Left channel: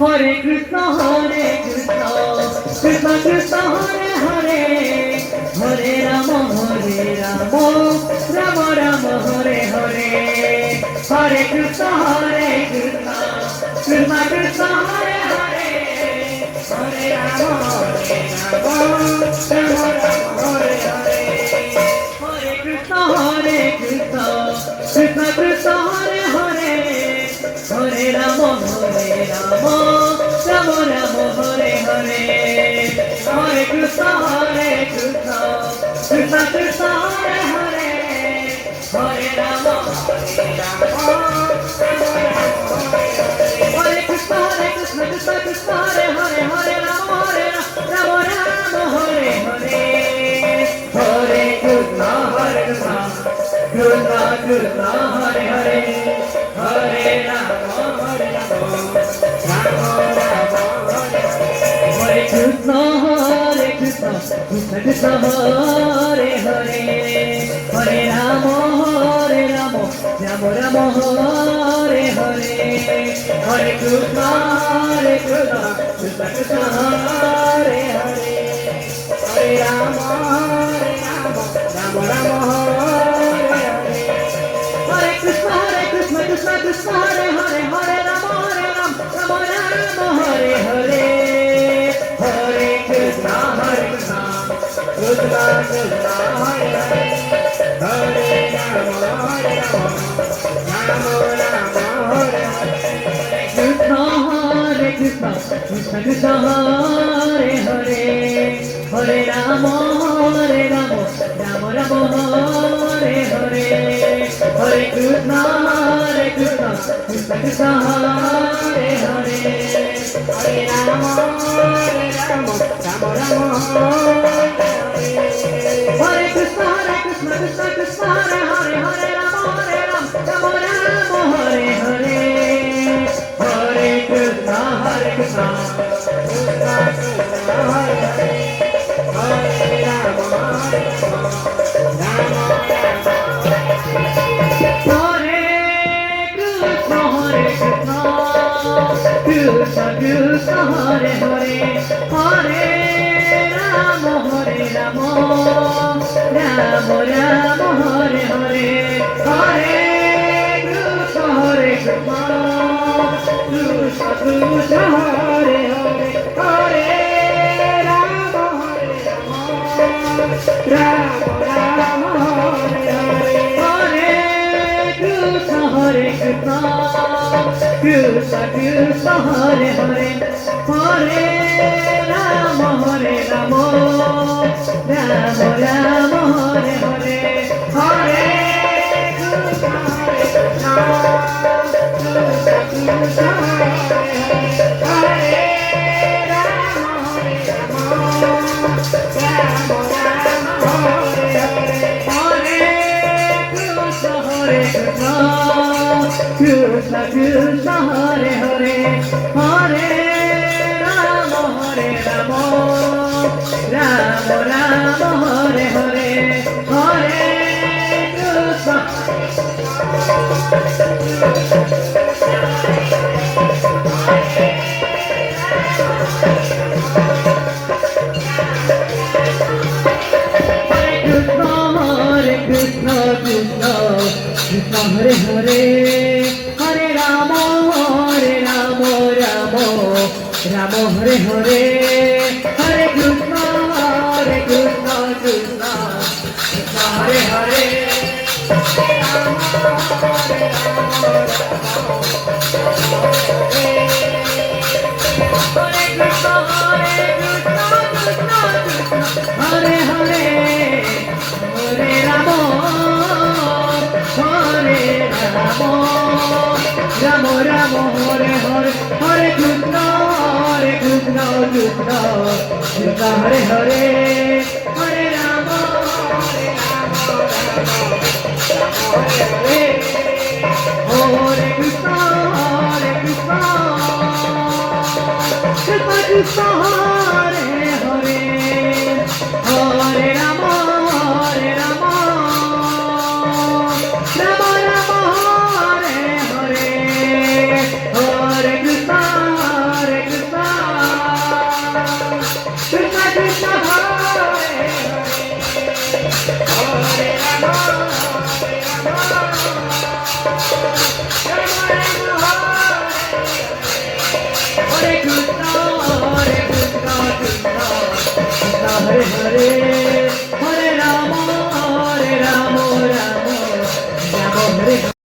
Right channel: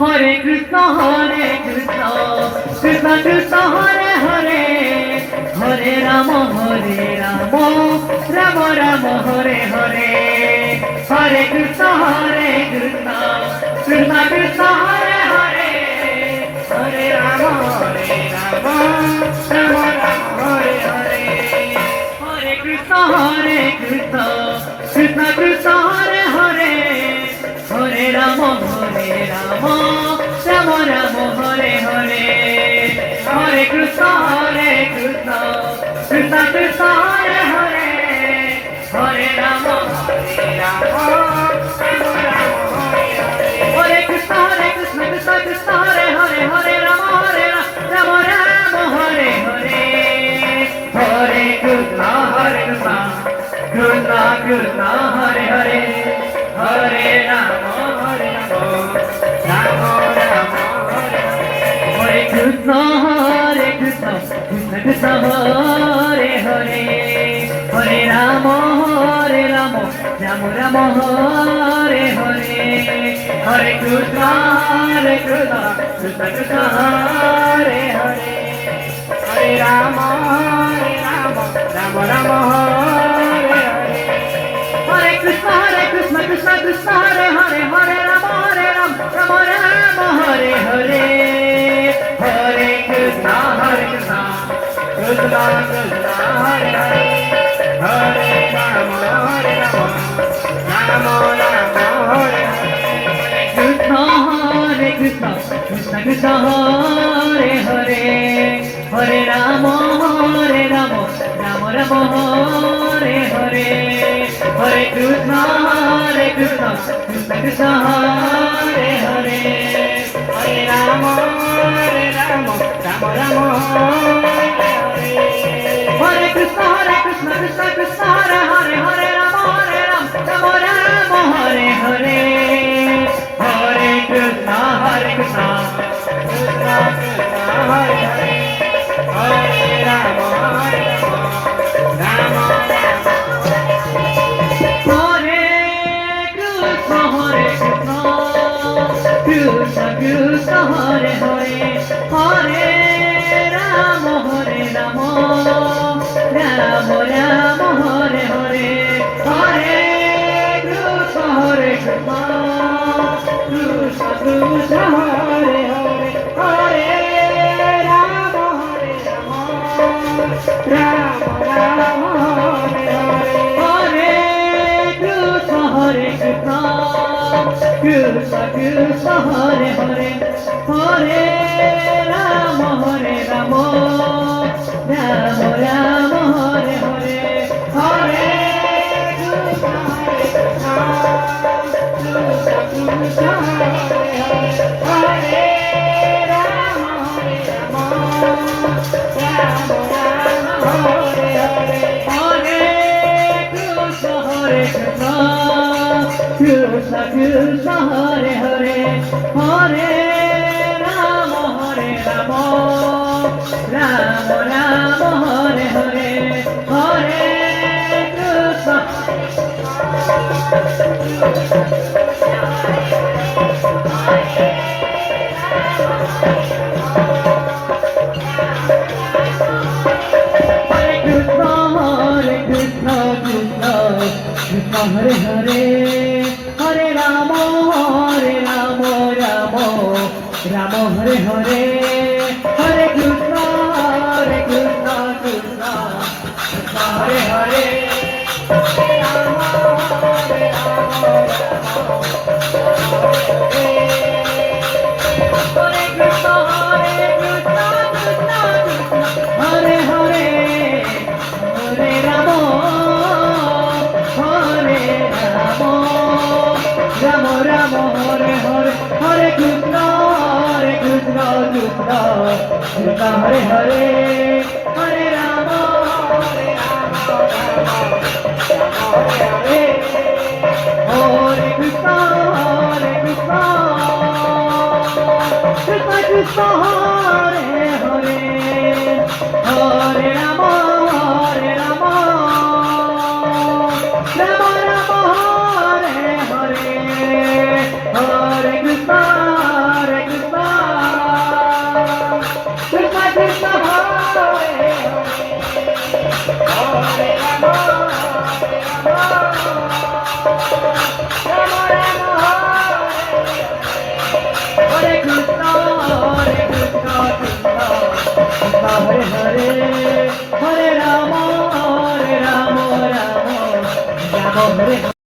Hare Krishna, Krishna Krishna, Hare Hare, Hare Rama, Rama Rama, Hare Hare, Hare Krishna, Krishna Krishna, Hare Hare, Hare Rama, Rama Rama, Hare Hare, Hare Krishna, Krishna Krishna, Hare Hare, Hare Rama, Rama Rama, Hare Hare, Hare Krishna, Krishna Krishna, Hare Hare, Hare Rama, Rama Hare Krishna, Krishna Krishna, Hare Hare, Hare Rama, Rama Hare Hare, Hare Krishna, Krishna Krishna, Hare Hare, Hare Rama, Rama Hare Krishna, Krishna Krishna, Hare Hare, Hare Rama, Rama Rama, Hare Hare, Hare Krishna, Krishna Krishna, Hare Hare, Hare Rama, Rama Rama, Hare Hare, Hare Krishna, Krishna Krishna, Hare Hare, Hare Rama, Rama Rama, Hare Hare, Hare Krishna, Krishna Krishna, Hare Hare, Hare Rama, Rama Rama, Hare Hare, Krishna, Krishna Krishna, Hare Hare, Hare Rama, Rama Rama, Hare Hare, Hare Krishna, Krishna Krishna, Hare Hare, Hare Rama, Rama Rama, Hare Krishna, Krishna Krishna, Hare Hare, Hare Rama, Rama Rama, Hare Hare, Hare Krishna, Krishna Krishna, Hare Hare, Hare Rama, Rama Krishna Krishna, Hare Hare, Hare Rama, Rama Rama, Hare Hare, Hare Krishna, Krishna Krishna, Hare Hare, Hare Rama, Rama Rama, Hare Hare, Hare Krishna, Krishna Krishna, Hare Hare, Hare Rama, Rama Rama, Hare Hare, Hare Krishna, Krishna Hare Rama, Rama Rama, Hare Hare, Hare Krishna, Krishna Krishna, Hare Hare, Hare Rama, Rama Rama, Hare Hare, Hare Krishna, Krishna Hare Hare, Hare Rama, Rama Hare Hare, Hare Krishna, Krishna Hare Hare, Hare Rama Ram Ram Hare Hare Hare Krishna Krishna Krishna Hare Hare Hare Ram Hare Hare Krishna Krishna Krishna Hare Hare Hare Ram Ram Ram Hare Hare Hare Krishna Krishna Krishna Hare Hare Ram Hare Krishna Hare Hare Hare Ram Ram Ram Hare